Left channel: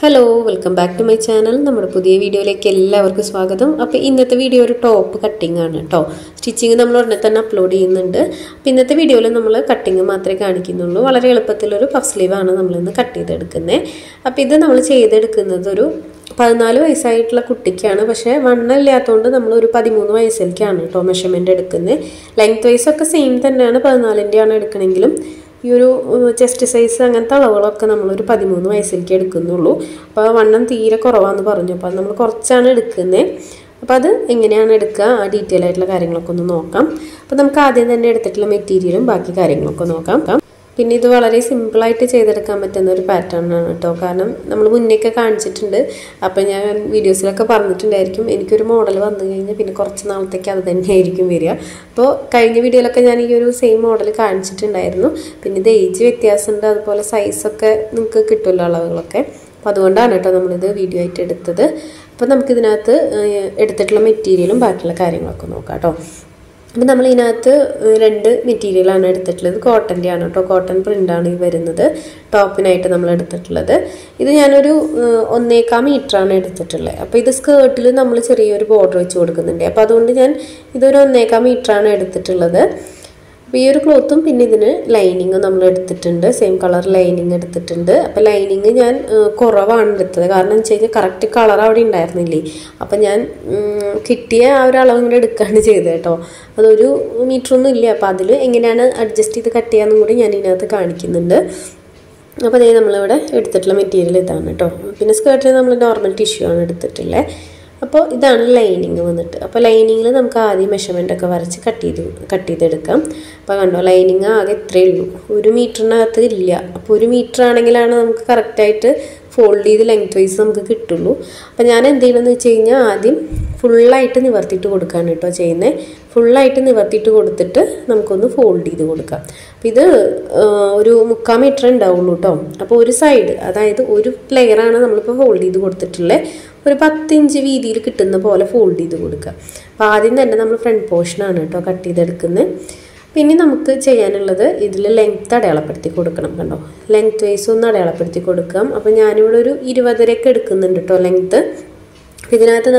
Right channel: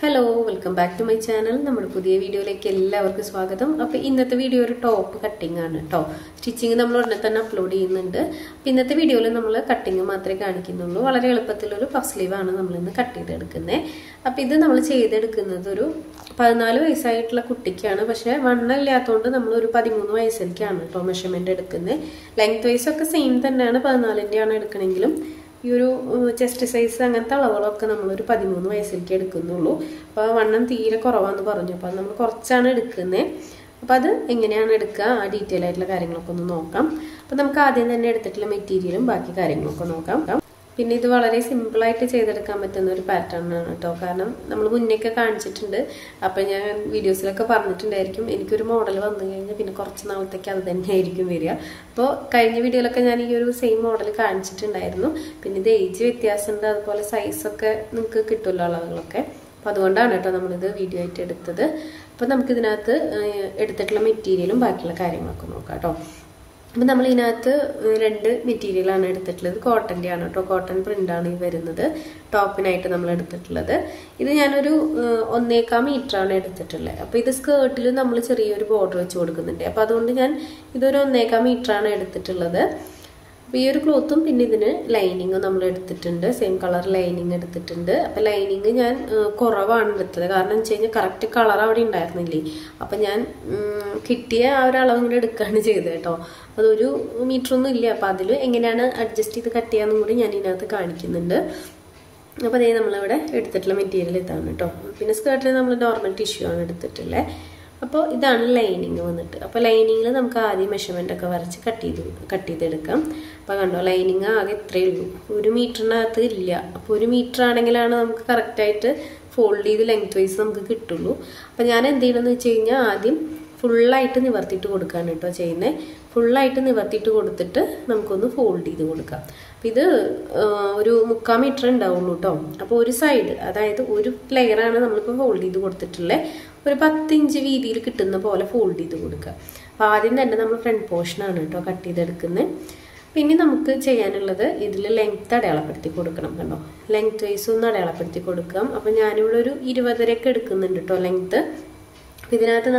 Hello welcome back to my channel. നമ്മുടെ പുതിയ വീഡിയോയിലേക്ക് എല്ലാവർക്കും സ്വാഗതം. അപ്പോൾ ഇന്നത്തെ വീഡിയോ ഒരു ടോപ്പ് കട്ടിംഗ് ആണ് കേട്ടോ. സ്റ്റിച്ചിങ് നമ്മൾ ഉടനെ തന്നെ അപ്ലോഡ് ചെയ്യുന്നുണ്ട്. അപ്പോൾ ഇന്നത്തെ വീഡിയോയിൽ നമ്മൾ കട്ടിങ് മാത്രമേ കാണിക്കുന്നുള്ളൂ. വളരെ എളുപ്പത്തിലൊരു പഫ് സ്ലീവാണ് നമ്മളിന്ന് കട്ട് ചെയ്തെടുക്കുന്നത്. അപ്പോൾ ഇത് നമ്മൾ ചെയ്തെടുക്കുന്നത് ഒരു 14 വയസ്സായിട്ടുള്ള കുട്ടിക്കാണ്. പക്ഷേ വണ്ണം ഇല്ലാത്തതുകൊണ്ട് നമ്മളൊരു 13 വയസ്സിലേക്കാണ് കേട്ടോ മെഷർമെൻറ്റ് എടുക്കുന്നത്. ലെങ്ത് വൈസൊക്കെ സെയിം തന്നെയാണ്, 14-ൻ്റെയാണ് എടുക്കണമെങ്കിലും ഈ ഒരു ചെസ്റ്റ് സൈസ് അങ്ങനത്തെ അളവുകളൊക്കെ നമ്മളൊരു 13 വയസ്സിലേക്ക് എടുക്കുന്നുള്ളൂ. അപ്പോൾ വണ്ണം തീരെ കുറവാന്ന് പറഞ്ഞു. അപ്പോൾ നമ്മൾ കുറച്ചാണ് എടുക്കുന്നത്. അപ്പോൾ അത് എങ്ങനെയാണ് എടുക്കുക, ആ ഡീറ്റെയിൽ ആയിട്ടുള്ള കാര്യങ്ങളൊക്കെ ഒന്ന് നോക്കാം. അപ്പോൾ നമുക്ക് ആദ്യം തന്നെ എടുത്തിട്ടുള്ള മെറ്റീരിയലും ബാക്കി കാര്യങ്ങളൊക്കെ നോക്കാം. പിന്നെ ഇത് വളരെ സിമ്പിളായിട്ട് ചെയ്തെടുക്കാൻ പറ്റുന്ന ഒരു പാറ്റേൺ ആണ് കേട്ടോ. കാരണം നമ്മൾ മുന്നേയൊക്കെ കാണിച്ചിട്ടുണ്ട്. അപ്പോൾ ഞാൻ വീഡിയോസിലൊക്കെ പറഞ്ഞിട്ടുണ്ടായിരിക്കും എനിക്കൊരു മോഡൽ വന്നു കഴിഞ്ഞാൽ പിന്നെ കുറച്ച് നാളത്തേക്ക് അത് തന്നെ ആയിരിക്കും വരിക. അപ്പോൾ കഴിഞ്ഞ വീഡിയോയിലൊക്കെ ഞാൻ ഈ ഒരു സെയിം മോഡൽ കാണിച്ചിട്ടുണ്ടായിരുന്നു. പിന്നെ ഇത് ഏജ് വ്യത്യാസമുണ്ട്, അതുപോലെ സൈസൊക്കെ നിങ്ങൾക്ക് കിട്ടുമല്ലോ അളവുകളൊക്കെ. അപ്പോൾ അതുകൊണ്ടാണ് കേട്ടോ നമ്മളിത് വീഡിയോ ആയിട്ട് എടുത്തത്. അപ്പോൾ നമുക്കിതിനകത്ത് എടുത്തിട്ടുള്ള മെറ്റീരിയലും ബാക്കിയുള്ള കാര്യങ്ങളൊക്കെ നോക്കാം കേട്ടോ. അപ്പോൾ നമ്മൾ ഇതിനകത്ത് 2 മെറ്റീരിയലാണ് എടുത്തിട്ടുള്ളത്. കോട്ടൻ്റെ ആണ് കേട്ടോ, കോട്ടൺ പ്രിൻ്റാണ് ഈ വരുന്നത്. ടോപ്പിനായിട്ട് നമ്മൾ എടുത്തിട്ടുള്ളത് ഇത് ഞാനൊരു 1.25 മീറ്ററാണ് എടുത്തിട്ടുള്ളത്. അപ്പോൾ ഇത് സ്കേർട്ടിൽ നമ്മൾ ചെറിയൊരു ബോർഡർ വെച്ച് കൊടുക്കുന്നുണ്ട്. അപ്പോൾ അതുകൊണ്ട് ഞാൻ ഇതൊരു 1.25 മീറ്ററാണ് എടുത്തിട്ടുള്ളത്. അപ്പോൾ ഈ ഒരു ക്ലോത്തും പിന്നെ ഇതിന് ലൈനിങ്ങും നമ്മൾ എടുത്തിട്ടുണ്ട്. സെയിം കളർ ലൈനിങ് എടുത്തിട്ടുണ്ട്. അപ്പോൾ ലൈനിങ് ഞാൻ കുറവാണ് എടുത്തത്. കാരണം എന്ന് വെച്ച് കഴിഞ്ഞാൽ കറക്റ്റ് കളർ അവിടെ ഉണ്ടായിരുന്നില്ലേ. അപ്പോൾ ഞാൻ കിട്ടിയ ആ ഒരു അളവ് ഇങ്ങനെ എടുക്കുകയാണ് ചെയ്തത് കേട്ടോ. അതൊരു മീറ്ററൊന്നും ഇല്ല. അപ്പോൾ അതിൽ എങ്ങനെയാണ് അഡ്ജസ്റ്റ് ചെയ്ത് കട്ട് ചെയ്യാമെന്നും കൂടി ഞാൻ ഇതിനകത്ത് കാണിക്കുന്നുണ്ട്. അപ്പോൾ അതേ നമ്മളിവിടെ എടുത്തിട്ടുള്ള മെറ്റീരിയൽ ഇതാണ് കേട്ടോ. പിന്നെ സ്കേർട്ടിൽ നമ്മൾ നോർമൽ ടിഷ്യൂ ആണ് എടുത്തിട്ടുള്ളത്. അപ്പോൾ ഇതാണ് ലൈനിങ് വന്നിട്ട്. അപ്പോൾ ലൈനിങ്ങിൽ നമുക്ക് ആദ്യം മെഷർമെൻറ്റൊക്കെ വരച്ച് കട്ട് ചെയ്തെടുക്കാം. അപ്പോൾ കണ്ടോ, ലൈനിങ് ആകെ ഇത്രയേ ഉള്ളൂ, 1 മീറ്ററിനകത്ത് ഇല്ല. അപ്പോൾ 1 മീറ്റർ ആണെങ്കിലാണ് നമുക്ക് കറക്റ്റായിട്ട് ഫോൾഡ് ചെയ്ത് ലെങ്ത് വൈസ് നമുക്ക് കിട്ടുള്ളൂ. അപ്പോൾ ഞാൻ എന്ത് ചെയ്യണമെന്ന് വെച്ച് കഴിഞ്ഞാൽ ആദ്യം ഫുള്ളായിട്ട് നിവർത്തിയിട്ട് കൊടുക്കുകയാണ് കേട്ടോ ചെയ്യുന്നത്. ഫുള്ളായിട്ട് നിവർത്തിയിട്ട് കൊടുത്തിട്ട് നമുക്കൊന്ന് ഫോൾഡ് ചെയ്ത് കൊടുക്കാം. അപ്പോൾ ഇത് ഒരു 3/4 മീറ്റർ ഉണ്ടാവുള്ളൂ കേട്ടോ. അപ്പോൾ ഒരു സൈഡ്, അതായത് ഒരു ലെയറാണ് നമ്മളിപ്പോൾ ഫോൾഡ് ചെയ്ത് കൊടുത്തിട്ടുള്ളത്. ഒരു 10 ഇഞ്ച് വീതിയിൽ കിട്ടുന്ന പോലെ ഫോൾഡ് ചെയ്ത് കൊടുക്കുക. അപ്പോൾ ആദ്യം തന്നെ നമ്മൾ ഫ്രണ്ട് പോർഷനാണ് കേട്ടോ കട്ട് ചെയ്തെടുക്കുന്നത്. പിന്നെ നമുക്ക് ചെയ്യാനുള്ളത് ഇതിൽ ലെങ്ത്ത് അടയാളപ്പെടുത്തി കൊടുക്കണം. കണ്ടോ, ലെങ്ത്ത് വൈസ് ഒന്ന് അടയാളപ്പെടുത്തി കൊടുക്കാം. അപ്പോൾ ഞാനിവിടെ ഒരു 20 എടുക്കുന്നുണ്ട് കേട്ടോ ലെങ്ത്ത്. അപ്പോൾ ഇതിനകത്ത്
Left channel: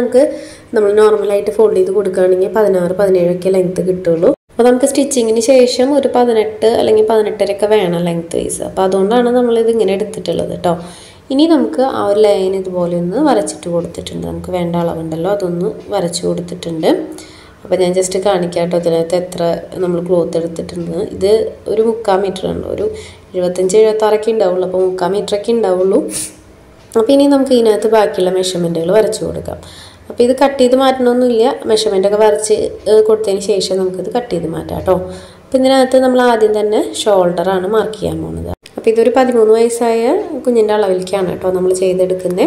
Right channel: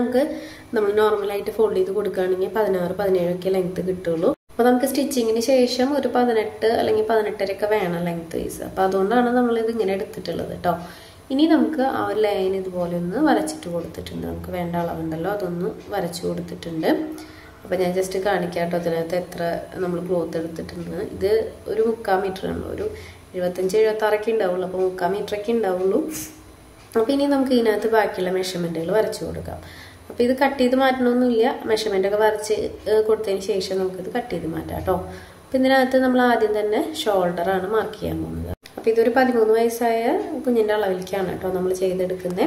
നമ്മൾ നോർമലായിട്ട് ഫോൾഡ് ചെയ്ത് കൊടുക്കുകയാണെങ്കിൽ 16-17 ലെങ്ത്ത് കിട്ടുള്ളൂ. അപ്പോൾ നമുക്ക് സ്റ്റിച്ചിങ്ങിന് ശേഷം ഒരു 18 അല്ലെങ്കിൽ 18.5 വേണം ലെങ്ത്ത് വൈസ്. അപ്പോൾ അതുകൊണ്ടാണ് നമ്മളിത് ഇങ്ങനെ എടുത്തിട്ടുള്ളത് കേട്ടോ. ഇനി നമുക്ക് ആ ഒരു ലൈൻ ഇതുപോലെ ഒന്ന് വരച്ചിട്ട് കൊടുത്തിട്ടുണ്ട്. നമുക്ക് വേണ്ട അളവുണ്ടല്ലോ അതൊന്ന് വരച്ച് കൊടുത്തിട്ടുണ്ട്. അപ്പോൾ ഞാൻ ജസ്റ്റ് കാണിക്കാം കേട്ടോ ഇതിനകത്ത് എത്ര നമ്മൾ ക്ലോത്ത് എടുത്തിട്ടുണ്ട്. ഇത് ഒരു 3/4 മീറ്റർ ഉണ്ട്, ഒരു 75-76 ഉണ്ടാവുള്ളൂ. അപ്പോൾ 3/4 മീറ്ററൊക്കെ ഉണ്ടാവുള്ളൂ. അപ്പോൾ ഇനി നമുക്ക് ഇതിനകത്ത് ബാക്കിയുള്ള മെഷർമെൻറ്റുകൾ വരച്ച് കൊടുക്കാം. അപ്പോൾ ഇത് കട്ട് ചെയ്ത് മാറ്റണമൊന്നുമില്ല, മെഷർമെൻറ്റൊക്കെ വരച്ച് കൊടുത്തതിന് ശേഷം നമുക്കിത് കട്ട് ചെയ്ത് മാറ്റാം കേട്ടോ. അപ്പോൾ ഇതിനകത്ത് നമ്മൾ ആദ്യം തന്നെ ഷോൾഡറാണ് മാർക്ക് ചെയ്യാൻ പോകുന്നത്. അപ്പോൾ ഇതൊരു 13 വയസ്സായ കുഞ്ഞിൻ്റെ അളവിലേക്കാണ് കേട്ടോ നമ്മൾ ചെയ്തെടുക്കുന്നത്.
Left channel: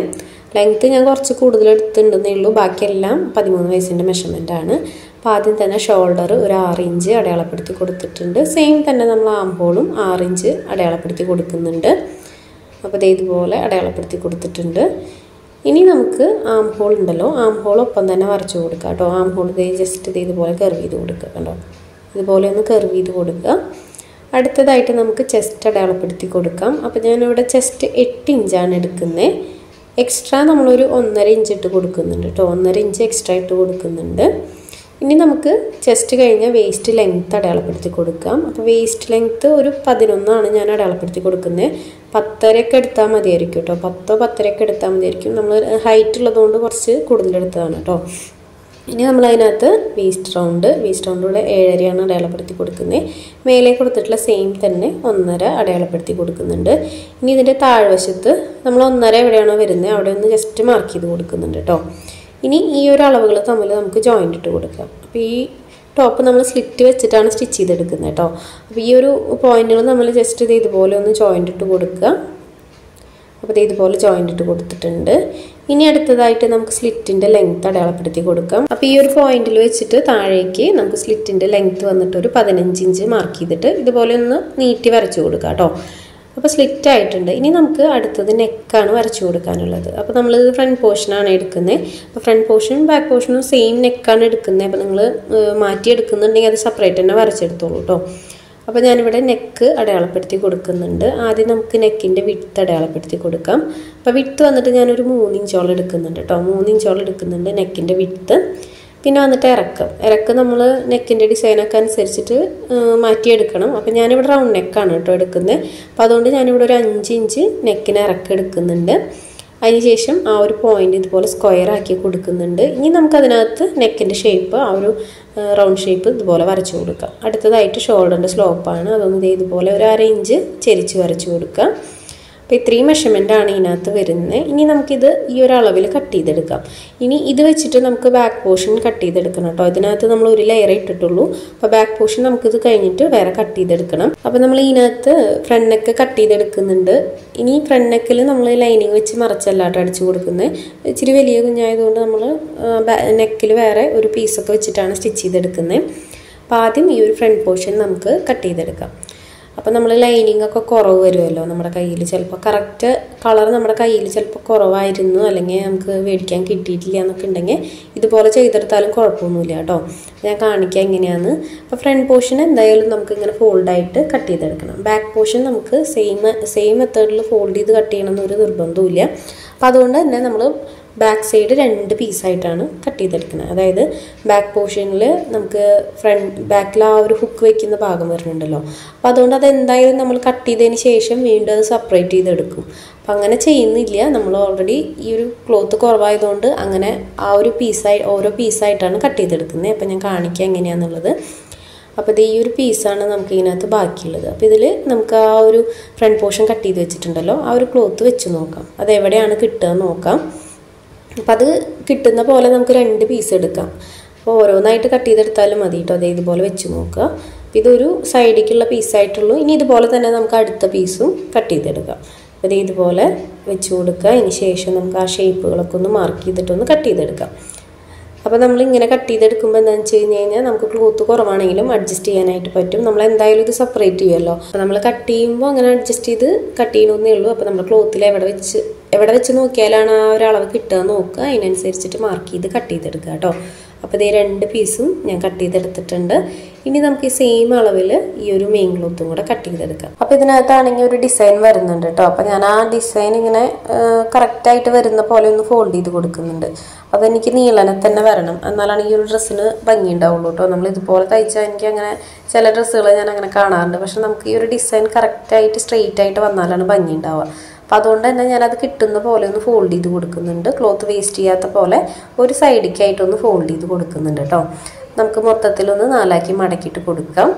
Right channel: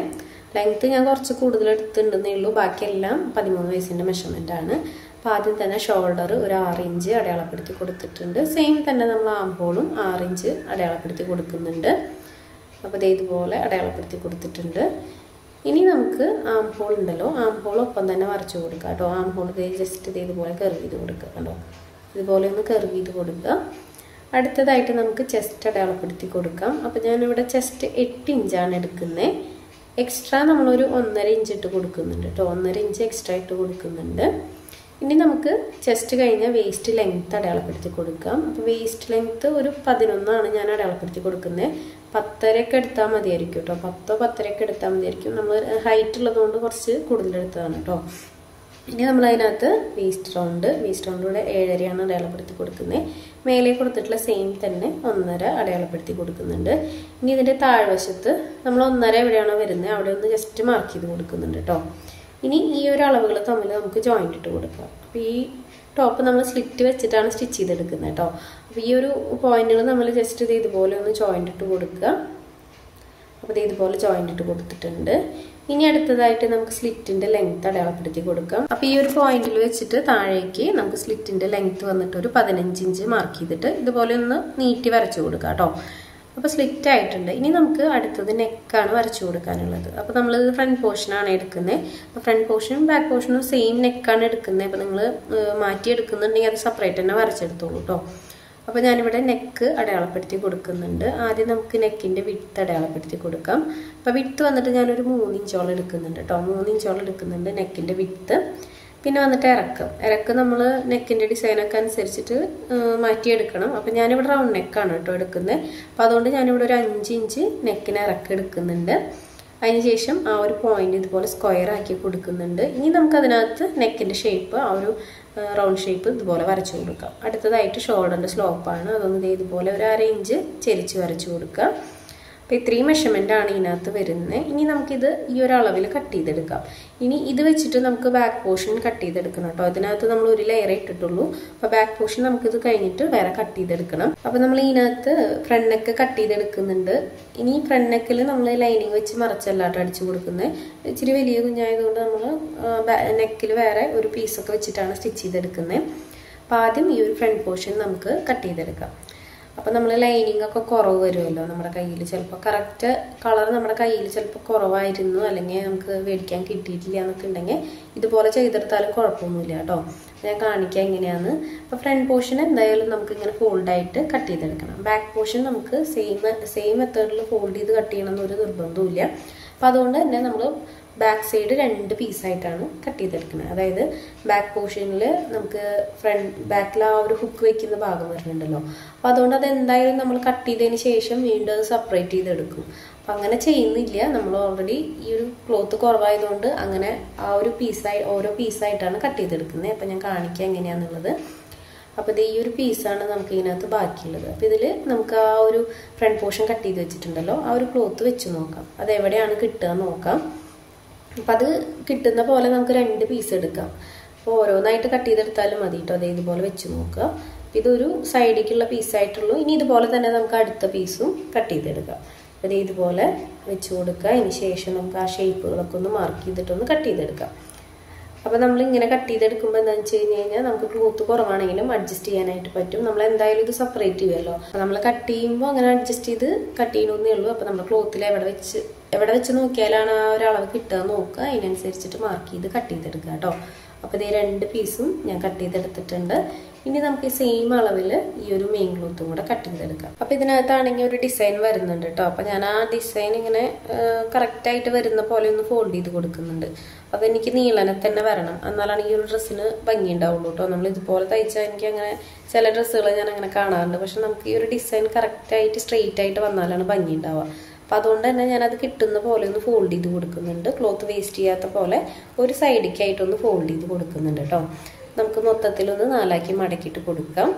ലെങ്ത്ത് ഞാൻ കുറച്ച് കൂടുതൽ എടുത്തിട്ടുണ്ടെന്നേ ഉള്ളൂ, ബാക്കിയെല്ലാം 13 വയസ്സിൻ്റെ മെഷർമെൻറ്റാണ്. അപ്പോൾ ആദ്യം തന്നെ ഷോൾഡർ ഒരു 6 ഇഞ്ച് അടയാളപ്പെടുത്തി കൊടുത്തിട്ടുണ്ട്. സെയിം തന്നെ നമ്മൾ ആം ഹോളും 6 ഇഞ്ച് അടയാളപ്പെടുത്തി കൊടുക്കുന്നുണ്ട്. അപ്പോൾ ഇതുപോലെ അടയാളപ്പെടുത്തി കൊടുത്തിട്ടുണ്ട്. ഇനി നമുക്ക് ആം ഹോൾ ഉണ്ടല്ലോ, ആം ഹോൾ ഒപ്പം തന്നെ വരച്ച് കൊടുക്കുക കേട്ടോ. ആം ഹോൾ ജസ്റ്റ് ഇതുപോലെ കർവ് ചെയ്ത് കൊടുക്കുക കണ്ടോ, ഇതുപോലെ ഒന്ന് കർവ് ചെയ്ത് കൊടുക്കുക. അടുത്തതായിട്ട് നമുക്ക് ചെസ്റ്റ് അടയാളപ്പെടുത്തി കൊടുക്കാം. അപ്പോൾ ഞാനിവിടെ ചെസ്റ്റ് 8 ഇഞ്ചാണ് എടുക്കുന്നത്. എക്സ്ട്രാ നമ്മളൊരു 1.5 ഇഞ്ച് ഇട്ട് കൊടുക്കുന്നുണ്ട് കേട്ടോ, 1.5 ഇഞ്ച് എക്സ്ട്രാ ഇട്ട് കൊടുക്കുന്നുണ്ട്. ഇനി നമുക്ക് ചെസ്റ്റ് കഴിഞ്ഞാൽ വേസ്റ്റ് ലെങ്ത്ത് അടയാളപ്പെടുത്തി കൊടുക്കാം. അപ്പോൾ വേസ്റ്റ് ലെങ്ത്ത് ഒരു 11 ഞാൻ അടയാളപ്പെടുത്തി കൊടുക്കുന്നത്. 10.5 എടുത്താൽ മതിയായിരിക്കും കേട്ടോ, 10-10.5 എടുത്താൽ മതിയായിരിക്കും. നമ്മൾ ഹൈറ്റ് ഉള്ളതുകൊണ്ട് കുറച്ച് കൂടുതൽ എടുത്തതാണ് കേട്ടോ. ഇനി നമ്മളതിനകത്ത് വേസ്റ്റ് റൗണ്ടിലൂടെ 7.5 അടയാളപ്പെടുത്തി കൊടുക്കുന്നത്. മേലെ കൊടുത്തിട്ടുള്ള സെയിം തന്നെ 1.5 അടയാളപ്പെടുത്തി കൊടുക്കുന്നുണ്ട്. ഇനി ഇതിൻ്റെ താഴ്വശത്ത് നമ്മൾ 1.5 എവിടെയാണോ വരുന്നത് അവിടെ ഒന്ന് ജസ്റ്റ് മാർക്ക് ചെയ്ത് കൊടുക്കുന്നുണ്ട് കേട്ടോ. ഇനി ഈ ഒരു അളവുകൾ തമ്മിൽ നമുക്ക് ജോയിൻ്റ് ഇട്ട് കൊടുക്കാം. അപ്പോൾ ഈ ടോപ്പ് നമ്മൾ സ്ലിറ്റ് വെച്ചിട്ടാണ് സ്റ്റിച്ച് ചെയ്തെടുക്കുന്നത് കേട്ടോ. അപ്പോൾ ഈ ഒരു പോയിന്റുകൾ നമ്മൾ ജസ്റ്റ് ഇതുപോലെ ഒന്ന് ജോയിൻ്റ് ഇട്ട് കൊടുക്കുക. അപ്പോൾ ഇതുപോലെ ജോയിൻ്റ് ഇട്ട് കൊടുത്തിട്ടുണ്ട്. ഇനി അടുത്തതായിട്ട് നമുക്ക് സ്ലിറ്റിൻ്റെ ലെങ്ത്ത് അടയാളപ്പെടുത്തി കൊടുക്കാം. അപ്പോൾ ഈ ഒരു പോയിന്റിൽ വെച്ചിട്ട് താഴേക്ക് നമുക്ക് സ്ലിറ്റിൻ്റെ ലെങ്ത്ത് വന്നിട്ട് ഒരു 15 ഇഞ്ച് മാർക്ക് ചെയ്തിട്ട് ഇതുപോലെ ഒന്ന് നീട്ടി വരച്ചു കൊടുക്കാം കേട്ടോ. അപ്പോൾ സ്ലിറ്റ് ആയിട്ടുണ്ട്. ഇനി നമുക്ക് അടുത്തത് നെക്കാണ് വരച്ചു കൊടുക്കാനുള്ളത്. അപ്പോൾ നമ്മളിത് ഫ്രണ്ട് പോർഷനാണ് എടുക്കുന്നത്. അപ്പോൾ ഫ്രണ്ട് പോർഷനും ബാക്ക് പോർഷനും സെയിം നെക്കാണ് എടുക്കുന്നത്. അപ്പോൾ നിങ്ങൾ മാറ്റി എടുക്കുന്നുണ്ടെങ്കിൽ അത് സെപ്പറേറ്റ് തന്നെ വരച്ചെടുത്തോളൂ കേട്ടോ. അപ്പോൾ ഞാനിവിടെ നെക്ക് അടയാളപ്പെടുത്തി കൊടുക്കുന്നുണ്ട്. ആദ്യം നമുക്ക് നെക്കിൻ്റെ വിഡ്ത്ത് അടയാളപ്പെടുത്തി കൊടുക്കാം. അപ്പോൾ വിഡ്ത്ത് വന്നിട്ട് ഞാനൊരു 3 ഇഞ്ചോളം എടുക്കുന്നുണ്ട് കേട്ടോ. 3 ഇഞ്ചോളം എടുക്കുന്നുണ്ട് നെക്കിൻ്റെ വിഡ്ത്ത്. പിന്നെ വന്നിട്ട് ഇറക്കം നമ്മൾ നെക്കിൻ്റെ ഡിസൈനൊക്കെ അനുസരിച്ചിട്ട് മാറ്റിയെടുക്കണം. അപ്പോൾ ഞാനിവിടെ റൗണ്ട് നെക്കാണ് കേട്ടോ എടുക്കുന്നത്. അപ്പോൾ അതുകൊണ്ട് ഞാനിവിടെ ഒരു 5 ഇഞ്ച് നെക്കിന് ഇറക്കം എടുക്കുന്നുണ്ട്. അതിനുശേഷം ആ ഒരു പോയിന്റ് ഇതുപോലെ സ്ക്വയർ ആക്കി കൊടുക്കുന്നുണ്ട്. ഇനി നമുക്കതിനകത്ത് നെക്കിൻ്റെ ഷേപ്പ് ആ ഒരു റൗണ്ട് ഷേപ്പ് ഇതുപോലെ വരച്ചു കൊടുക്കാം. അടുത്തതായിട്ട് ഷോൾഡറിൻ്റെ സ്ലോപ്പാണ്. അതൊന്ന് ഇതുപോലെ ഒരു 1/2 ഇഞ്ച് ചെരിച്ച് വരച്ചു കൊടുക്കാം. അപ്പോൾ ഇത്രയും മെഷർമെൻ്റാണ് ഇതിനകത്ത് വരുന്നത്. ഇനി നമുക്കിത് ഈ ഒരു അളവിൽ കട്ട് ചെയ്തെടുക്കാം. ഇനി ഇത് വെച്ചിട്ട് നമുക്ക് ബാക്ക് പോർഷൻ കട്ട് ചെയ്തെടുക്കണം കേട്ടോ. ഇതിനകത്ത് നമ്മൾ ഒരു ലെയർ ഇട്ടിട്ടുള്ളൂ. അപ്പോൾ ബാക്ക് പോർഷൻ നമുക്കിത് കഴിഞ്ഞിട്ട് വേറെ കട്ട് ചെയ്തെടുക്കണം. അപ്പോൾ നമ്മൾ ഇതിനകത്ത് ഫ്രണ്ട് നെക്ക് കട്ട് ചെയ്തെടുക്കുന്നുണ്ട്. ഇനി ഫ്രണ്ട് നെക്കിൽ നമ്മൾ ലൈനിങ് വെച്ച് മറച്ചല്ലാട്ട് അടിച്ചു കൊടുക്കുന്നത്. ഇച്ചിരി വലിയ കുഞ്ഞായതുകൊണ്ട് നമ്മൾ നെക്കിൽ വേറെ ഒരു പീസൊക്കെ വെച്ചിട്ടാണ് സ്റ്റിച്ച് ചെയ്തെടുക്കുന്നത്. അപ്പോൾ ആദ്യം ഈ ഒരു ഫ്രണ്ട് പോർഷൻ നമുക്ക് കട്ട് ചെയ്തെടുക്കാം. അപ്പോൾ നമ്മൾ ലൈനിങ് ഒക്കെ കുറവ് വരുമല്ലോ നമ്മുടെ കയ്യിൽ. ചിലപ്പോൾ കറക്റ്റ് കളർ നമ്മുടെ കയ്യിൽ ചിലപ്പോൾ കുറവായിരുന്നു, അല്ലെങ്കിൽ നമുക്ക് മേടിക്കാൻ കിട്ടിയിട്ടില്ല എന്നൊക്കെ ഉണ്ടെങ്കിൽ ഇതുപോലെ ചെയ്തെടുത്താലും കുഴപ്പമൊന്നുമില്ല കേട്ടോ. ഞാൻ കാണിക്കാം എങ്ങനെയാണ്. അപ്പോൾ ഫ്രണ്ട് പോർഷൻ എന്തായാലും നമുക്ക് ഇങ്ങനെ ഫോൾഡായിട്ട് കട്ട് ചെയ്തെടുക്കണം. ബാക്ക് പോർഷൻ നമുക്ക് സെയിം മെത്തേഡിൽ ഫോൾഡ് ചെയ്ത് കട്ട് ചെയ്യണമെന്നൊരു നിർബന്ധമില്ല. അപ്പോൾ അതുകൊണ്ട് തന്നെ നമ്മൾ ബാക്ക് സൈഡ് 2 പീസായിട്ടാണ് കട്ട് ചെയ്തെടുക്കുന്നത്. അതായത് ബാക്ക് പോർഷനിൽ നമുക്ക് ബാക്കിൽ ആ ഒരു ഹുക്ക് വയ്ക്കുന്ന ഭാഗം വരുന്നുണ്ടല്ലോ. അപ്പോൾ അതുകൊണ്ട് അത് എന്തായാലും നമ്മൾ കട്ട് ചെയ്തതിന് ശേഷം വീണ്ടും അത് സെപ്പറേറ്റ് ചെയ്തെടുക്കും. അപ്പം അങ്ങനെ ചെയ്യുന്നില്ല. നമ്മൾ ഓൾറെഡി ഈ ഒരു ക്ലോത്ത് കുറവായതുകൊണ്ട് അങ്ങനെ ആ ഒരു ഓരോ പീസായിട്ടാണ് കട്ട് ചെയ്തെടുക്കുന്നത്. അപ്പം ഞാൻ കാണിക്കാം എങ്ങനെയാണെന്നുള്ളത്. അപ്പോൾ ഇത് ഈ ഒരു പീസാണ് നമുക്ക് ഇതിനകത്ത് ബാക്കിയുള്ളത്. അപ്പോൾ ഇതിൽ നമുക്ക് ആ ഒരു ഫ്രണ്ട് പോർഷൻ കട്ട് ചെയ്ത് വെച്ചിട്ടുണ്ടല്ലോ, ആ ഒരു ക്ലോത്ത് വെച്ച് നോക്കാം. അത് എവിടെയാണ് കിട്ടുക നോക്കാം. അപ്പം അത് കിട്ടുന്ന പോലെ നമുക്ക് 2 പീസ് എടുക്കാം. അപ്പോൾ ഓരോന്നായിട്ട് കട്ട് ചെയ്തെടുത്താലും മതി കേട്ടോ. അതേ ഇതുപോലെ വെച്ച് നോക്കുക. ഇതൊരു സൈഡിലേക്കുള്ള പീസായിട്ടുള്ളൂ. ഇനി ഇതുപോലെ തന്നെ നമുക്ക് അടുത്ത പീസും കട്ട് ചെയ്തെടുക്കാം. അപ്പോൾ ഇത് ഇതുപോലെ വെച്ച് കൊടുക്കുക. അതിന് ശേഷം നമുക്ക് ആ ഷേപ്പുകളൊക്കെ ഒന്ന് മാർക്ക് ചെയ്തിട്ടൊന്ന് കട്ട് ചെയ്തെടുക്കാം. അപ്പോൾ നമ്മളിങ്ങനെ കട്ട് ചെയ്തെടുക്കുമ്പോൾ എന്താണെന്ന് വെച്ച് കഴിഞ്ഞാൽ നമുക്ക് ക്ലോത്ത് കുറവാണെങ്കിലും അഡ്ജസ്റ്റ് ചെയ്യാനായിട്ട് പറ്റും. നമ്മൾ എന്തായാലും ഇത് സെപ്പറേറ്റ് ചെയ്യുമല്ലോ. അപ്പോൾ നമ്മൾ കട്ട് ചെയ്യുമ്പോൾ അങ്ങനെ അഡ്ജസ്റ്റ് ചെയ്ത് കട്ട് ചെയ്യണമെന്നേ ഉള്ളൂ. അപ്പോൾ നമ്മൾ ക്ലോത്തിൽ എവിടെ വെച്ച് നോക്കിയാലാണ് ആ ഒരു അളവ് കിട്ടുക നോക്കുക. അതിനനുസരിച്ചിട്ട് മാർക്ക് ചെയ്ത് കട്ട് ചെയ്തെടുക്കുക കേട്ടോ. അപ്പോൾ ഇതേ 2 പീസും ഞാൻ കട്ട് ചെയ്തെടുത്തിട്ടുണ്ട്. ഇനി നമുക്ക് ഈ സെയിം അളവിൽ ഈ ഒരു മെയിൻ ക്ലോത്തും കൂടെ കട്ട് ചെയ്തെടുക്കാം. അപ്പോൾ ഇതിനകത്താണെങ്കിൽ ഒരു ഡിസൈൻ വരുന്നുണ്ട് കേട്ടോ. അപ്പോൾ ഞാൻ ആ ഡിസൈൻ ഇങ്ങനെ കറക്റ്റായിട്ട് വരുന്ന പോലെ ഒന്ന് ഫോൾഡ് ചെയ്ത് കൊടുക്കുന്നുണ്ട്. അതെനിക്ക് നീളനെ തന്നെ വരണം, എന്നാലാണ് ഈ ഒരു ഡ്രസ്സിന് ഭംഗി ഉണ്ടാവുള്ളൂ കേട്ടോ. നമ്മൾ ഇതുപോലെ തയ്ച്ചാൽ എനിക്ക് അങ്ങനെ ചില ഡ്രസ്സുകൾ ഞാൻ അങ്ങനെ കാണാറുണ്ട്. പക്ഷെ നമുക്ക് ഈ ഒരു ഡിസൈൻ കറക്റ്റായിട്ട് സ്ട്രെയിറ്റ് ആയിട്ട് വന്നാലാണ് ഭംഗി ഉണ്ടാവുക. അപ്പോൾ അതുകൊണ്ട് തന്നെ ഞാനത് കിട്ടുന്ന പോലെ ഒന്ന് ഫോൾഡ് ചെയ്ത് കൊടുക്കുന്നുണ്ട്. ക്ലോത്ത് വേസ്റ്റ് ചെയ്യാത്ത പോലെ ഒരു സൈഡിലേക്കായിട്ടൊന്ന് ഫോൾഡ് ചെയ്ത് കൊടുക്കുന്നുണ്ട് കേട്ടോ. നമുക്ക് മൊത്തത്തിലൊന്ന് 4ആക്കി മടക്കിയിട്ട് കൊടുക്കാം.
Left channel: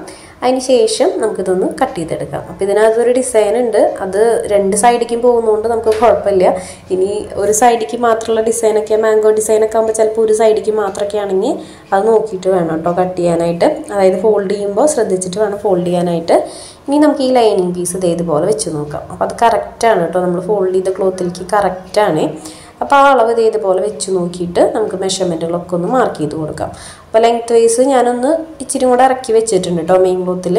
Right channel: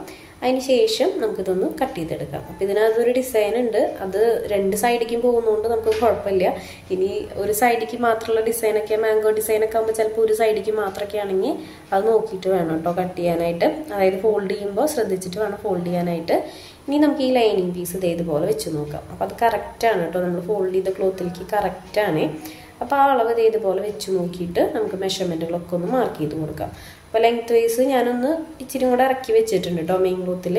അതിന് ശേഷം നമുക്കിതൊന്ന് കട്ട് ചെയ്തെടുക്കാം. അപ്പോൾ ഇതിനകത്തൊരു ഡിസൈൻ ഉണ്ട്. അത് 2 സൈഡിലേക്കും പോകുന്നതുകൊണ്ട് നമുക്ക് കുഴപ്പമില്ല. ഇനി ഒരു സൈഡിലേക്ക് മാത്രമുള്ള ഡിസൈനൊക്കെ മാംഗോ ഡിസൈനൊക്കെ ആകുമ്പോൾ ചിലപ്പോൾ ഒരു സൈഡിലേക്ക് മാത്രമൊക്കെ ആണെങ്കിൽ അത് നോക്കിയിട്ട് വേണം കേട്ടോ കട്ട് ചെയ്യാനായിട്ട്. അതായത് ഫോൾഡ് ചെയ്യുമ്പോൾ ശ്രദ്ധിച്ചിട്ട് വേണം ഫോൾഡ് ചെയ്യാനായിട്ട്. ഇനി നമുക്ക് ഈ ലൈനിങ് പീസ് ഇതേപോലെ വെച്ച് നോക്കാം. അപ്പോൾ അത് കറക്റ്റാണ് കേട്ടോ. നമ്മൾ ഫോൾഡ് ചെയ്ത ക്ലോത്തിലേക്ക് കറക്റ്റാണ്. അപ്പോൾ ആ അളവ് ഇതേപോലെ വെച്ച് നോക്കിയിട്ട് നമുക്ക് മെഷർമെൻറ്റുകളൊക്കെ ഒന്ന് മാർക്ക് ചെയ്ത് കൊടുക്കാം. അപ്പോൾ ലെങ്ത് വൈസ് ഞാനൊന്ന് ഇച്ചിരി കൂടെ ഇറക്കി വെച്ചിട്ടുണ്ട് കേട്ടോ മെയിൻ ക്ലോത്തിൽ.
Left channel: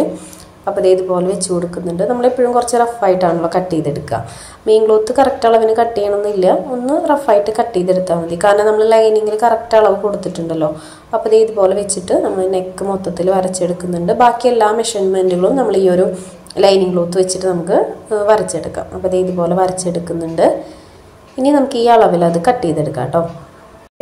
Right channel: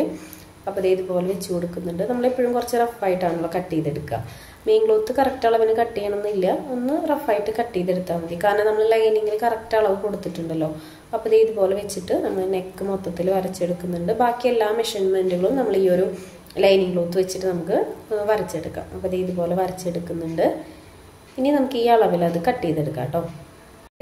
അപ്പോൾ ഇതേപോലെ വെച്ച് കൊടുക്കുന്നുണ്ട്. നമ്മളെപ്പോഴും കുറച്ച് റഫായിട്ടാണല്ലോ കട്ട് ചെയ്തെടുക്കുക. മെയിൻ ക്ലോത്ത് കറക്റ്റ് അളവിന് കട്ട് ചെയ്യണമെന്നില്ല, ഒന്ന് റഫായിട്ട് കട്ട് ചെയ്തെടുത്താൽ മതി. കാരണം നമ്മൾ ലൈനിങ്ങിൽ കറക്റ്റ് അളവ് കൊടുത്തിട്ടുണ്ടല്ലോ. അപ്പോൾ ഇതുപോലെ വെച്ചിട്ട് നമ്മൾ നെക്ക് മൊത്തത്തിൽ വരച്ചെടുക്കുന്നുണ്ട്. ബാക്കി എല്ലാ മെഷർമെൻറ്റുകളും നമ്മൾ ഈ ഒരു ലൈനിങ് ക്ലോത്ത് വെച്ചിട്ട് നമുക്ക് വരച്ചെടുക്കാം. അപ്പോൾ ഇതുപോലെ വരച്ചെടുക്കുന്നുണ്ട്. ഇനി നമുക്ക് ഈ അളവിൽ അത് കട്ട് ചെയ്തെടുക്കാം കേട്ടോ.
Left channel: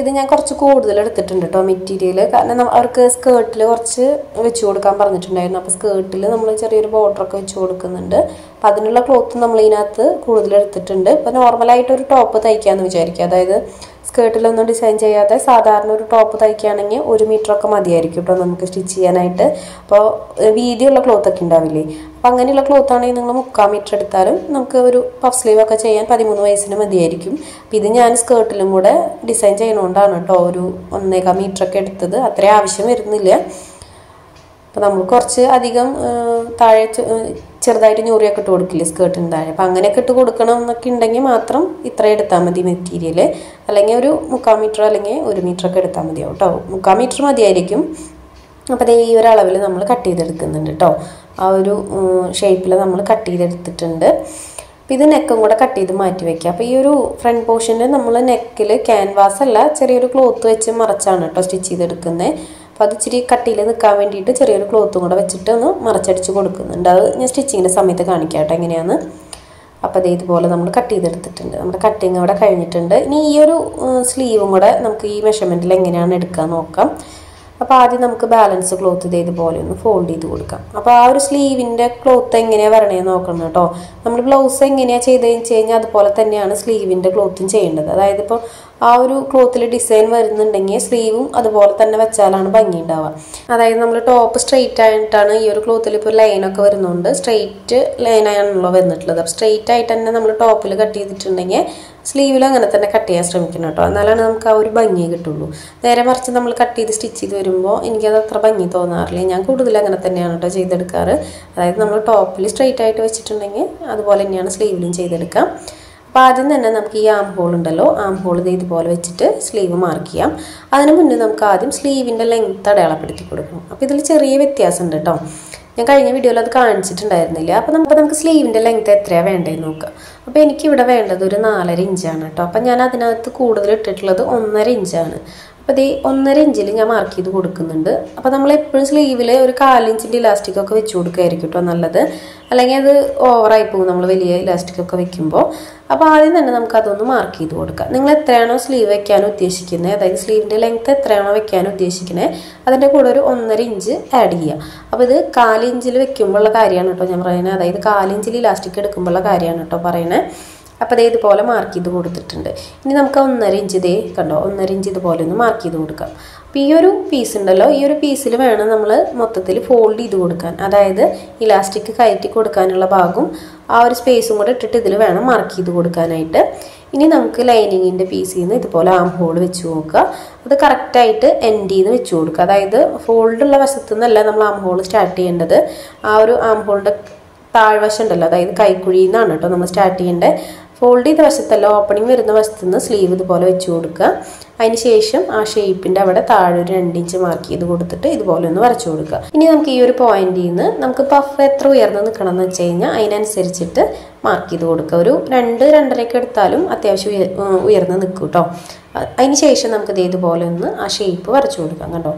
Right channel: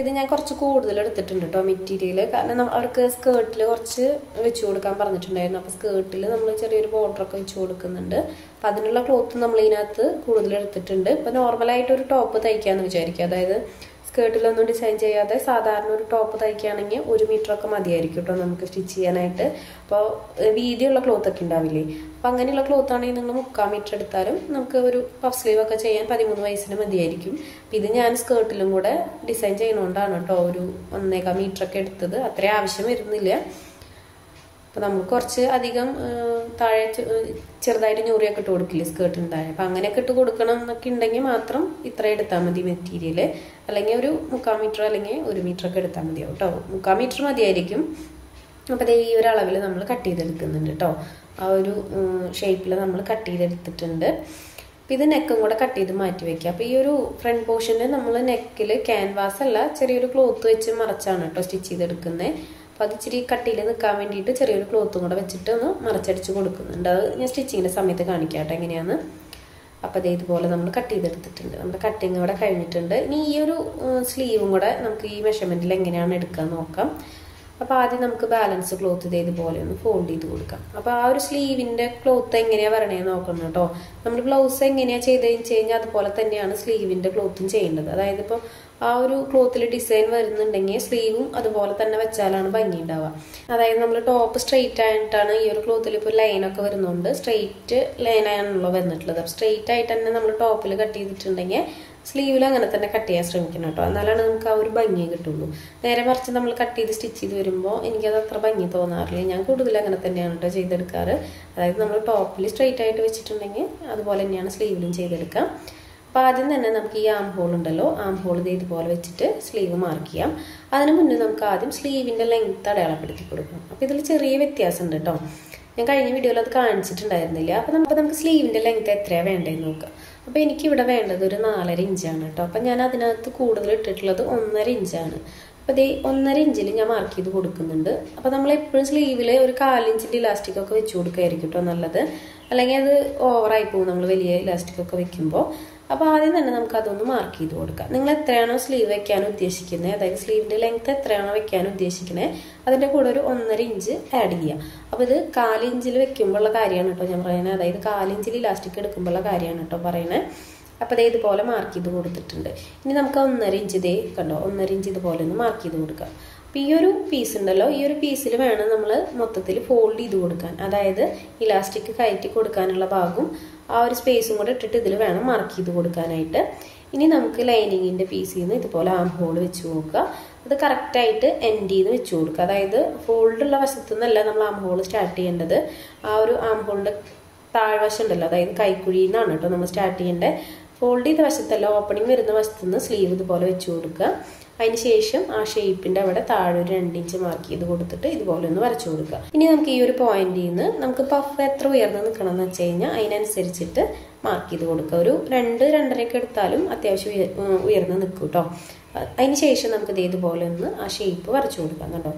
ഇത് ഞാൻ കുറച്ച് കൂടുതൽ എടുത്തിട്ടുണ്ട് കേട്ടോ മെറ്റീരിയൽ. കാരണം അവർക്ക് സ്കേർട്ടിൽ കുറച്ച് വെച്ച് കൊടുക്കാൻ പറഞ്ഞിട്ടുണ്ടായിരുന്നു. അപ്പോൾ സ്കേർട്ടിൽ നമ്മൾ ചെറിയൊരു ബോർഡറൊക്കെ വെച്ച് കൊടുക്കുന്നുണ്ട്. അപ്പം അതിനുള്ള ക്ലോത്ത് നമ്മൾ ഇതിനകത്ത് കൂടുതൽ എടുത്തിട്ടുണ്ട്. ഇപ്പോൾ നോർമലായിട്ടൊരു ടോപ്പ് തയ്ക്കാമെന്ന് വിചാരിക്കുക. അതായത് സ്കേർട്ടിലൊന്നും ഡിസൈൻ ചെയ്യാതെ സാധാരണ ഒരു ടോപ്പ് തയ്ക്കുകയാണെങ്കിൽ 1 മീറ്ററൊക്കെ മതിയായിരിക്കും കേട്ടോ നമുക്ക് സ്റ്റിച്ച് ചെയ്യാനായിട്ട്. അപ്പോൾ വീതിയുള്ള ക്ലോത്തൊക്കെ ഉണ്ടാവില്ലേ, അപ്പം അങ്ങനെയുള്ള ക്ലോത്താണെങ്കിൽ നിങ്ങൾ 3/4 മീറ്റർ എടുത്താലും നമുക്ക് ഒരു പഫ് സ്ലീവ് ഒക്കെ ചെയ്യാൻ 13 വയസ്സിന് മതിയായിരിക്കും. അപ്പം ഇത് ഞാൻ സ്കേർട്ടിലും കൂടെ ഡിസൈൻ ചെയ്യണോണ്ടാണ് കേട്ടോ ഒരു 1.25 മീറ്ററൊക്കെ എടുത്തത്. അത്രയും ആവശ്യം വരുന്നില്ല. അപ്പോൾ നമുക്ക് കുറച്ച് അധികം താഴെ ചെറുതായിട്ട് ഞൂറിയൊക്കെ ഇട്ട് കൊടുക്കില്ലേ സ്കേർട്ടിന് താഴെ. അപ്പം അങ്ങനെയൊക്കെ ഇട്ട് കൊടുക്കണം എന്നൊക്കെ ഉണ്ടെങ്കിൽ മാത്രം ഇത്ര എടുത്താൽ മതി മെറ്റീരിയൽ. അല്ലെങ്കിൽ ഒരു 3/4 മീറ്റർ അല്ലെങ്കിൽ 1 മീറ്ററൊക്കെ എടുത്താൽ മതിയാവും കേട്ടോ. 3/4 മീറ്റർ മതിയായിരിക്കും. അപ്പോൾ ഈ ഒരു അളവിൽ നമ്മൾ കട്ട് ചെയ്തെടുക്കുന്നുണ്ട് കേട്ടോ. ആ ഒരു ഷേപ്പിൽ നമ്മൾ കട്ട് ചെയ്തെടുത്തിട്ടുണ്ട്. അപ്പോൾ ഇത് നെക്കും കൂടെ കട്ട് ചെയ്ത് മാറ്റി വയ്ക്കുക. അപ്പോൾ ഈ ഒരു ഫ്രണ്ട് പോർഷനിൽ നമ്മൾ നെക്കിൽ ക്യാൻവാസ് അല്ല ചെറിയൊരു ക്ലോത്ത് വെച്ച് മറച്ചാണ് കേട്ടോ സ്റ്റിച്ച് ചെയ്തെടുക്കുന്നത്. അപ്പോൾ അത് ഇച്ചിരി കട്ടിയിൽ നിൽക്കാൻ വേണ്ടിയിട്ട് ചെറിയൊരു ക്ലോത്തും കൂടെ വെച്ചിട്ട് ഒന്ന് മറച്ചടിച്ച് കൊടുക്കുന്നുണ്ട്. അത് ഞാൻ സ്റ്റിച്ചിങ്ങിൻ്റെ സമയത്ത് കാണിക്കാം കേട്ടോ എങ്ങനെയാണ്. അപ്പോൾ അത് ഇതുപോലെ നമ്മൾ കട്ട് ചെയ്തെടുത്തിട്ടുണ്ട്. നമ്മുടെ കട്ടിങ് അവിടെ കഴിഞ്ഞിട്ടുണ്ട്. ഇനി ഈ ഒരു സ്ലീവും കൂടെ നമുക്ക് ഈ മെഷർമെൻറ്റിൽ എങ്ങനെയാണ് എടുക്കാൻ നോക്കാം. അപ്പോൾ ആദ്യം നമുക്ക് ബാലൻസ് ക്ലോത്ത് ഇതുപോലെ ഒന്ന് ഫോൾഡ് ചെയ്ത് കൊടുക്കാം. അപ്പോൾ ആ ഒരു സ്ലീവിൻ്റെ ക്ലോത്ത് എങ്ങനെയാണ് വരണേന്ന് നോക്കണം കേട്ടോ. നമ്മൾ ബ്ലൗസ് എങ്ങനെയാണ് ചെയ്തതെന്ന് വെച്ച് കഴിഞ്ഞാൽ അതുപോലെ തന്നെയാണ് സ്ലീവിൻ്റെ ക്ലോത്തും ചെയ്യേണ്ടത്. അതായത് ഇപ്പോൾ ആ ഒരു ക്ലോത്തിൽ ഡിസൈൻ വരുന്നുണ്ടെങ്കിൽ സ്ലീവും അതുപോലെ തന്നെ വെച്ചാലാണ് ഭംഗി ഉണ്ടാവുക. അതായത് നമ്മൾ ടോപ്പ് സ്ട്രെയിറ്റ് ആയിട്ടാണ് ഈ ഒരു ക്ലോത്തിൽ ഇപ്പോൾ ലൈനൊക്കെ വരുന്നുണ്ട്. സ്ട്രെയിറ്റ് ലൈനാണല്ലോ വന്നിട്ടുള്ളത്. അപ്പോൾ സ്ട്രെയിറ്റ് ആയിട്ട് തന്നെ നമ്മൾ ടോപ്പിൽ കട്ട് ചെയ്തിട്ടുണ്ടെങ്കിൽ സ്ലീവിൽ അങ്ങനെ തന്നെ കട്ട് ചെയ്യാൻ ശ്രമിക്കണം കേട്ടോ. എന്നാലാണ് നമുക്ക് ആ ഒരു ഭംഗി കിട്ടുള്ളൂ. നേരെ മറിച്ച് നമ്മൾ കട്ട് ചെയ്ത് സ്റ്റിച്ച് ചെയ്ത് വരുമ്പോൾ എനിക്കത് അത്ര ഭംഗി തോന്നാറില്ല. ഞാൻ കൂടുതൽ അങ്ങനെ തന്നെയാണ് കേട്ടോ ചെയ്തെടുക്കാറ്. അതായത് നമ്മൾ ടോപ്പിൽ സ്ട്രെയിറ്റ് ആയിട്ട് വെച്ചിട്ടുണ്ടെങ്കിൽ അതുപോലെ തന്നെയാണ് സ്ലീവിലും ചെയ്തെടുക്കാം. അപ്പോൾ ആദ്യം തന്നെ നമുക്ക് ഈ ആം ഹോൾ ഉണ്ടല്ലോ, ആം ഹോൾ ഇതുപോലെ വെച്ചിട്ട് സ്ലീവ് മാർക്ക് ചെയ്യാം. അതിന് മുന്നേ നമുക്ക് ആദ്യം സ്ലീവിൻ്റെ ലെങ്ത്ത് അടയാളപ്പെടുത്തി കൊടുക്കണം. അപ്പോൾ ഇതിൽ ചെറിയ വ്യത്യാസമുണ്ട് കേട്ടോ. ഞാൻ കഴിഞ്ഞ വീഡിയോയിൽ അത് കാണിച്ചിട്ടുണ്ടായിരുന്നില്ല. അപ്പോൾ നമുക്ക് സ്ലീവിൻ്റെ ലെങ്ത്ത് എത്രയാണ് വേണ്ടതെന്ന് നോക്കാം. അപ്പോൾ എനിക്കിവിടെ വേണ്ടത് ഒരു 4.5 ഇഞ്ചാണ് കേട്ടോ. അപ്പം ഞാൻ അതിനകത്ത് കൂടുതൽ ഇട്ടിട്ടുള്ളത് 1.5 ഇഞ്ചാണ്. അപ്പോൾ ഇത് 1.5 ഇഞ്ചിൽ ഞാൻ മാർക്ക് ചെയ്ത് കൊടുക്കുന്നുണ്ട്. അപ്പോൾ നമ്മൾ എപ്പോഴും സ്ലീവിൽ ഒരു 1/4 ഇഞ്ചിൻ്റെ ഇലാസ്റ്റിക്കൊക്കെ വെച്ച് കൊടുക്കുകയായിരിക്കും കേട്ടോ നല്ലത്. അല്ലെങ്കിൽ അത് ഓവറായി പോകും നമ്മൾ വലിയ ഇലാസ്റ്റിക്കൊക്കെ വെക്കുമ്പോൾ. അപ്പോൾ ആദ്യം തന്നെ നമുക്ക് അതൊന്ന് മാർക്ക് ചെയ്ത് കൊടുക്കാം. നിങ്ങൾ എത്രയാണോ സ്ലീവ് വെക്കാൻ ഉദ്ദേശിക്കുന്നത്, അതായത് സ്ലീവിൻ്റെ ലെങ്ത്ത് എത്രയാണോ വെക്കാൻ ഉദ്ദേശിക്കുന്നത് അതിൻ്റെ കൂടെ ഒരു 1.5 ഇഞ്ച് ആഡ് ചെയ്യുക. അപ്പോൾ ഇത് 1/4 ഇഞ്ചിൽ വെക്കുമ്പോഴുള്ള കാര്യമാണ് കേട്ടോ ഞാൻ പറയുന്നത്. അതായത് 1/4 ഇഞ്ചിൽ ഇലാസ്റ്റിക് എടുക്കുമ്പോഴുള്ള കാര്യമാണ് കേട്ടോ പറയുന്നത്. അപ്പോൾ ഇത് ഇതുപോലെ മാർക്ക് ചെയ്ത് കൊടുത്തിട്ടുണ്ട്. ഇനി നമുക്ക് 1.5 ഇഞ്ച് കണ്ടോ 1.5 ഇഞ്ച് ഇതുപോലെ ഒന്ന് മാർക്ക് ചെയ്ത് കൊടുക്കാം. അപ്പോൾ ഈ ഒരു പീസ് ഉണ്ടല്ലോ, ഈ ഒരു പീസിൽ വേണം നമ്മൾ മൊത്തത്തിൽ ഫോൾഡ് ചെയ്ത് കൊടുക്കാൻ. അതായത് ഇലാസ്റ്റിക് കയറ്റി കൊടുക്കാനുള്ള ഭാഗം ആ ഒരു സ്പേസും കൂടെ ഇട്ടിട്ട് ഇതിൽ വേണം മാർക്ക് ചെയ്ത് കൊടുക്കാനായിട്ട്. ഇനി നമുക്ക് ലൈനിങ്ങിൻ്റെ പീസിൽ നിന്ന് ഇതുപോലെ ആം ഹോൾ വെച്ച് നോക്കുക. അത് കറക്റ്റായിട്ട് എൻഡിൽ നിന്ന് വെച്ച് കൊടുക്കുക. അതായത് ഫോൾഡുള്ള വശത്തു നിന്നല്ല നമ്മൾ ആം ഹോൾ സ്റ്റാർട്ട് ചെയ്യേണ്ടത്. ആ ഒരു ആം ഹോളിൻ്റെ താഴ്വശം ഉണ്ടല്ലോ, അതായത് കൈക്കുഴിയിൽ നിന്നാണ് കേട്ടോ നമ്മൾ സ്റ്റാർട്ട് ചെയ്യേണ്ടത്. ഫോൾഡ് ചെയ്ത വശത്തല്ല, ഓപ്പണിങ് വരുന്ന വശത്തു നിന്ന് സ്ലീവ് ഇതുപോലെ വെച്ച് കൊടുക്കുക. അതിന് ശേഷം ആ ഷേപ്പിൻ്റെ അവിടെ താഴെ ഒരു 2 ഇഞ്ച് മാർക്ക് ചെയ്ത് കൊടുത്തിട്ട് ഇതുപോലെ ഒന്ന് വരച്ചു കൊടുക്കുക. ഇനി നമുക്ക് ഈ ഒരു പോയിന്റിൽ നിന്ന് നമുക്ക് പഫ് എത്ര ഉയർന്ന് നിൽക്കണം എന്ന് വെച്ച് കഴിഞ്ഞാൽ അതിനനുസരിച്ചിട്ട് മാർക്ക് ചെയ്ത് കൊടുക്കുക. ഒരു 2-2.5 എടുത്താലും അത്യാവശ്യം ഉയർന്ന് നിൽക്കും കേട്ടോ. അതിന് ശേഷം നമുക്ക് ഇതുപോലെ ഒന്ന് ആ ഷേപ്പ് വരച്ചു കൊടുക്കാം കണ്ടോ.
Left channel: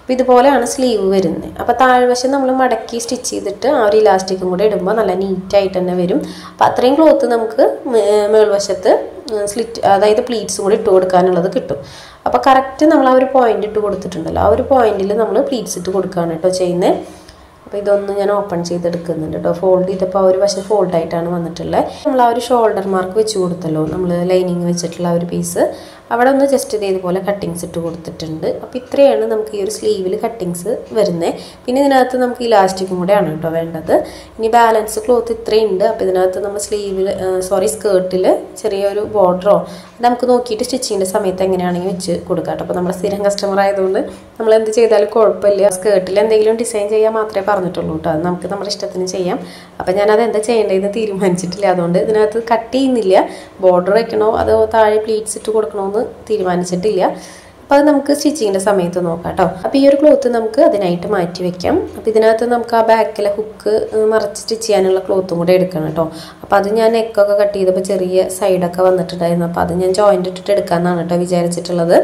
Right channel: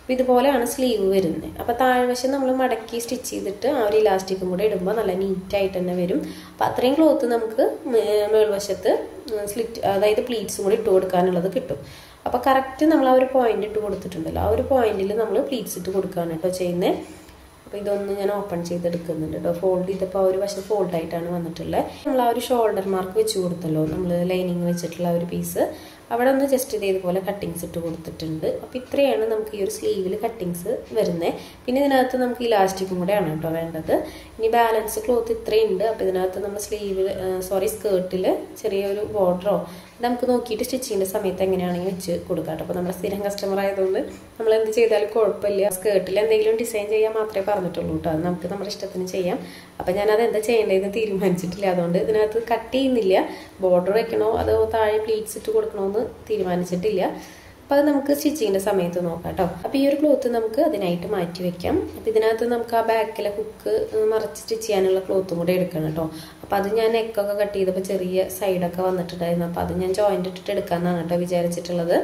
അപ്പോൾ ഇതുപോലെയാണ് സ്ലീവ് വരുന്നത്. അപ്പോൾ താഴ്വശം നമ്മൾ മടക്കി സ്റ്റിച്ച് ചെയ്തിട്ട് ആ ഒരു ഇലാസ്റ്റിക്കും കൂടെ ഇടുമ്പോൾ നല്ല നീറ്റായിട്ട് തന്നെ വരും. അപ്പോൾ അത്രയും ക്ലോത്ത് നമുക്ക് മേൾവശത്ത് സ്ലിറ്റ് അതായത് പ്ലീറ്റ്സും കൂടി ഇട്ട് കൊടുക്കാനുള്ളത് കിട്ടും. അപ്പോൾ കറക്റ്റ് നമ്മൾ ആ ഒരു പോയിന്റ് ഇട്ട് കൊടുത്തിട്ടുണ്ടല്ലോ, ആ ഒരു പോയിന്റിൽ നമ്മൾ പ്ലീറ്റ്സ് ഇട്ട് കൊടുക്കുകയാണ് കേട്ടോ ചെയ്യുന്നത്. അപ്പോൾ ഇതൊന്ന് ഞാൻ ഓപ്പൺ ചെയ്തെടുക്കുന്നുണ്ട് കേട്ടോ. ഫോൾഡ് ചെയ്തപ്പോൾ ആ ഒരു വശം ഫോൾഡായിട്ടാണ് വന്നിട്ടുള്ളത്. നമ്മൾ ആ ഒരു ഷോൾഡർ മാർക്ക് വെച്ച് കൊടുത്തല്ലോ, നമ്മൾ ലൈനിങ് വെച്ചിട്ടുള്ള ആ ഒരു പീസ്, അവിടെ ഒന്ന് ജസ്റ്റ് ഇതുപോലെ കട്ടിങ്സ് ഇട്ട് കൊടുത്തിട്ടുണ്ട്. അപ്പോൾ ഇത്രയാണ് നമുക്ക് ഈ ഒരു സ്ലീവിൽ കട്ടിങ്സ് വരുന്നത്. പിന്നെ ഇതിനകത്ത് നമുക്ക് ഇലാസ്റ്റിക്കും കൂടെയാണ് കേട്ടോ വേണ്ടത്. ഇനി ബാലൻസ് ക്ലോത്ത് ഇത്രയുണ്ട്. അപ്പോൾ ഇതിനകത്ത് നമ്മൾ സ്കേർട്ടിൽ ചെറിയൊരു ബോർഡറോ നമുക്ക് നോക്കിയിട്ട് സ്റ്റിച്ചിങ്ങിൻ്റെ സമയത്ത് എങ്ങനെയാണെങ്കിൽ വെച്ച് കൊടുക്കാം കേട്ടോ. അപ്പോൾ നമ്മുടെ സ്ഥിരം കസ്റ്റമർ ആയതുകൊണ്ട് നമ്മൾ എന്ത് ചെയ്താലും കുഴപ്പമില്ല. സ്കേർട്ടിൽ എന്തെങ്കിലും ഡിസൈൻ ചെയ്യാൻ മാത്രമേ പറഞ്ഞിട്ടുള്ളൂ കേട്ടോ. അത് നമുക്ക് നമ്മുടെ ഇഷ്ടത്തിന് ചെയ്യാം. അപ്പോൾ ഞാനത് എന്താ ചെയ്യേണ്ടതെന്ന് തീരുമാനിച്ചിട്ടില്ല. അതുകൊണ്ട് ഇതിനകത്ത് കട്ട് ചെയ്യുന്നില്ല. ബോർഡർ വെക്കണോ അതോ താഴെ പ്ലീറ്റ്സ് ഇട്ട് കൊടുക്കണോ തീരുമാനിച്ചിട്ടില്ല. അപ്പോൾ അത് നമുക്ക് സ്റ്റിച്ചിങ്ങിൻ്റെ സമയത്ത് നോക്കാം കേട്ടോ. അപ്പോൾ ഈ ഒരു ക്ലോത്ത് നമുക്ക് അതിനായിട്ട് മാറ്റി വെക്കാം. അപ്പോൾ ഇതിനകത്ത് നമുക്ക് ആ ബാക്കിലെ ഹുക്ക് മറച്ച് സ്റ്റിച്ച് ചെയ്യാനുള്ള ക്ലോത്തും കൂടെ എടുക്കണം കേട്ടോ. അപ്പോൾ അത് ഞാൻ നെക്കൊക്കെ കട്ട് ചെയ്തപ്പോൾ ചെറിയ സൈഡൊക്കെ വന്നിട്ടുണ്ടായിരുന്നു. അപ്പോൾ അത് ഞാൻ ജോയിൻ്റ് ഇട്ടിട്ട് എടുക്കാമെന്നാണ് കേട്ടോ വിചാരിച്ചിട്ടുള്ളത്.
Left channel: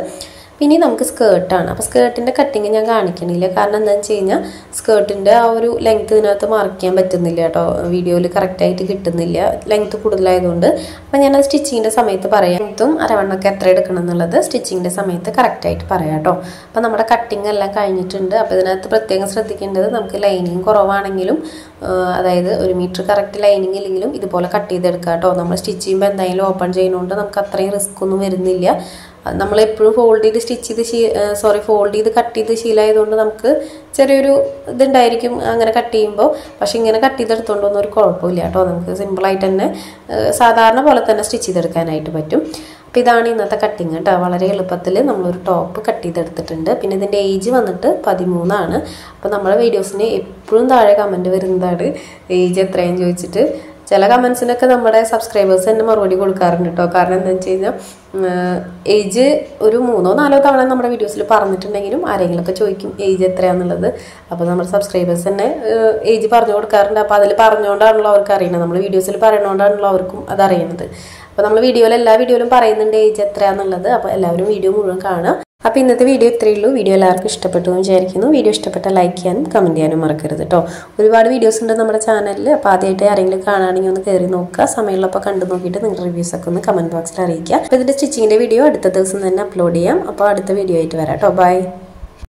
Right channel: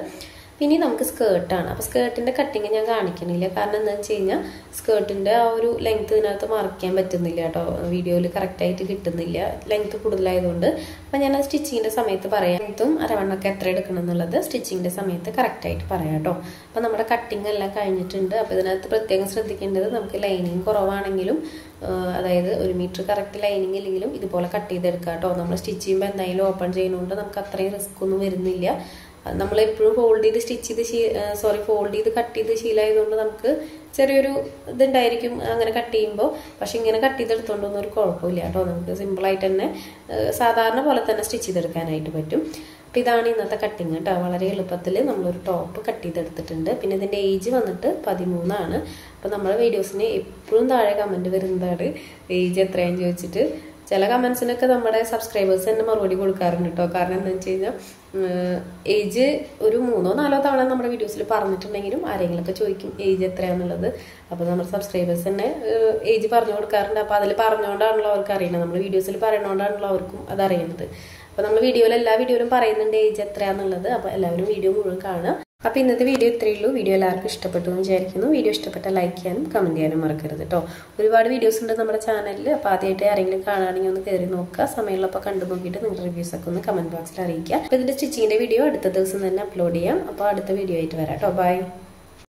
പിന്നെ നമുക്ക് സ്കേർട്ടാണ്. അപ്പോൾ സ്കേർട്ടിൻ്റെ കട്ടിങ് ഞാൻ കാണിക്കണില്ല. കാരണം എന്താണെന്ന് വെച്ച് കഴിഞ്ഞാൽ സ്കേർട്ടിൻ്റെ ആ ഒരു ലെങ്ത്ത് ഇതിനകത്ത് മാർക്ക് ചെയ്യാൻ പറ്റുന്നില്ല കേട്ടോ. വീഡിയോയിൽ കറക്റ്റായിട്ട് കിട്ടുന്നില്ല, ലെങ്ത്ത് കൂടുതലായതുകൊണ്ട്. അപ്പോൾ ഞാൻ അത് സ്റ്റിച്ചിങ്ങിൻ്റെ സമയത്ത് പറയാം. ലെങ്ത്തും അരവണ്ണൊക്കെ എത്ര എടുക്കണം എന്നുള്ളത് സ്റ്റിച്ചിങ്ങിൻ്റെ സമയത്ത് കറക്റ്റായിട്ട് പറയാം കേട്ടോ. അപ്പോൾ നമ്മുടെ കട്ടിങ് എല്ലാം കഴിഞ്ഞിട്ടുണ്ട്. അപ്പോൾ ഇതിനകത്ത് പ്രത്യേകം ശ്രദ്ധിക്കേണ്ടത് നമുക്ക് ലൈനിങ് കുറവാണെങ്കിലും, അതായത് 1 മീറ്റർ കറക്റ്റ് ലൈനിങ് ഇല്ലെങ്കിലും ഇതുപോലെ കട്ട് ചെയ്തെടുക്കാം കേട്ടോ. നമ്മൾ സ്റ്റിച്ച് ചെയ്യുമ്പോൾ എന്തായാലും ഓപ്പൺ ചെയ്യുന്നതുകൊണ്ട് നമുക്ക് അത്രയും റിസ്ക് ഒന്നും വരുന്നില്ല. നമ്മളെപ്പോഴും ഫോൾഡ് ചെയ്ത് കട്ട് ചെയ്ത് ശീലമായതുകൊണ്ട് നമുക്ക് ചെറിയൊരു ഇതുണ്ടായിരിക്കും അങ്ങനെ കട്ട് ചെയ്യുമ്പോൾ. പക്ഷെ ഇങ്ങനെ കട്ട് ചെയ്തെടുത്തോണ്ടൊന്നും ഒരു കുഴപ്പമില്ല കേട്ടോ. നമുക്ക് സിമ്പിളായിട്ട് തന്നെ സാധാരണ പോലെ തന്നെ സ്റ്റിച്ച് ചെയ്തെടുക്കാനായിട്ട് പറ്റും. അപ്പോൾ ഇതാണ് ഇന്നത്തെ കട്ടിങ് കേട്ടോ. വളരെ എളുപ്പത്തിൽ നമ്മളൊരു ടോപ്പ് കട്ട് ചെയ്തെടുത്തിട്ടുണ്ട്. പിന്നെ ഇതിൻ്റെ ഏജ് വന്നിട്ട് 13 ആണ്. അപ്പോൾ നമ്മുടെ വീഡിയോസിന് എപ്പോഴും താഴെ കമൻറ്റ് വരുന്നതാണ് ഏജ് എത്രയാണെന്ന് ചോദിച്ചിട്ട്. ചില കമൻസിനൊക്കെ നമ്മുടെ സബ്സ്ക്രൈബേഴ്സ് തന്നെ മറുപടി കൊടുക്കാറുണ്ട് കേട്ടോ. കാരണം എന്താണെന്ന് വെച്ച് കഴിഞ്ഞാൽ ഏജ് ഒരു 3-4 തവണ നമ്മുടെ വീഡിയോസിൽ പറഞ്ഞിട്ടുണ്ടെങ്കിലും ആരെങ്കിലുമൊക്കെ ചോദിക്കും ഏജ് എത്രയാണെന്നുള്ളത്. അപ്പോൾ നമ്മുടെ സബ്സ്ക്രൈബേഴ്സ് തന്നെ ഏജ് പറഞ്ഞു കൊടുക്കാറുണ്ട്. അപ്പോൾ അതിൽ പറഞ്ഞുകൊണ്ടാണല്ലോ അവർക്ക് അറിയണത്, നമ്മൾ വീഡിയോസിൽ പറയണോണ്ടാണല്ലോ അവർക്കും അതറിയണത്. അപ്പോൾ നമ്മൾ എല്ലാ വീഡിയോയിലും പറയുന്നുണ്ട് ഏജ് എത്രയാണെന്നുള്ളത്. അപ്പോൾ എല്ലാവരും വീഡിയോ മുഴുവൻ കാണുക. അപ്പോൾ ഇന്നത്തെ വീഡിയോ ഇത്രയേ ഉള്ളൂ. വീഡിയോ എല്ലാവർക്കും ഇഷ്ടപ്പെട്ടു എന്ന് വിചാരിക്കുന്നു. വീഡിയോ ഇഷ്ടപ്പെട്ടാൽ ലൈക്ക് ചെയ്യാനും കമൻറ്റ് ചെയ്യാനും മറക്കരുത് കേട്ടോ. ഒരുപാട് വീഡിയോസ് ഉണ്ട് നമ്മുടെ ചാനലിൽ. അപ്പോൾ ആദ്യമായിട്ട് ആരെങ്കിലും കാണുകയാണെങ്കിൽ ഒന്ന് കയറി നോക്കുക. സമയമുള്ളപ്പോൾ കണ്ടു നോക്കിയിട്ട് നിങ്ങളുടെ റിവ്യൂസൊക്കെ ഒന്ന് കമൻറ്റ് ബോക്സിൽ അറിയിക്കുക. അപ്പോൾ ഇതിൻ്റെ സ്റ്റിച്ചിങ്ങിൻ്റെ വീഡിയോ അടുത്ത ദിവസം തന്നെ അപ്ലോഡ് ചെയ്യാം. അപ്പോൾ അടുത്ത വീഡിയോ ആയിട്ട് വരാം കേട്ടോ. ബൈ.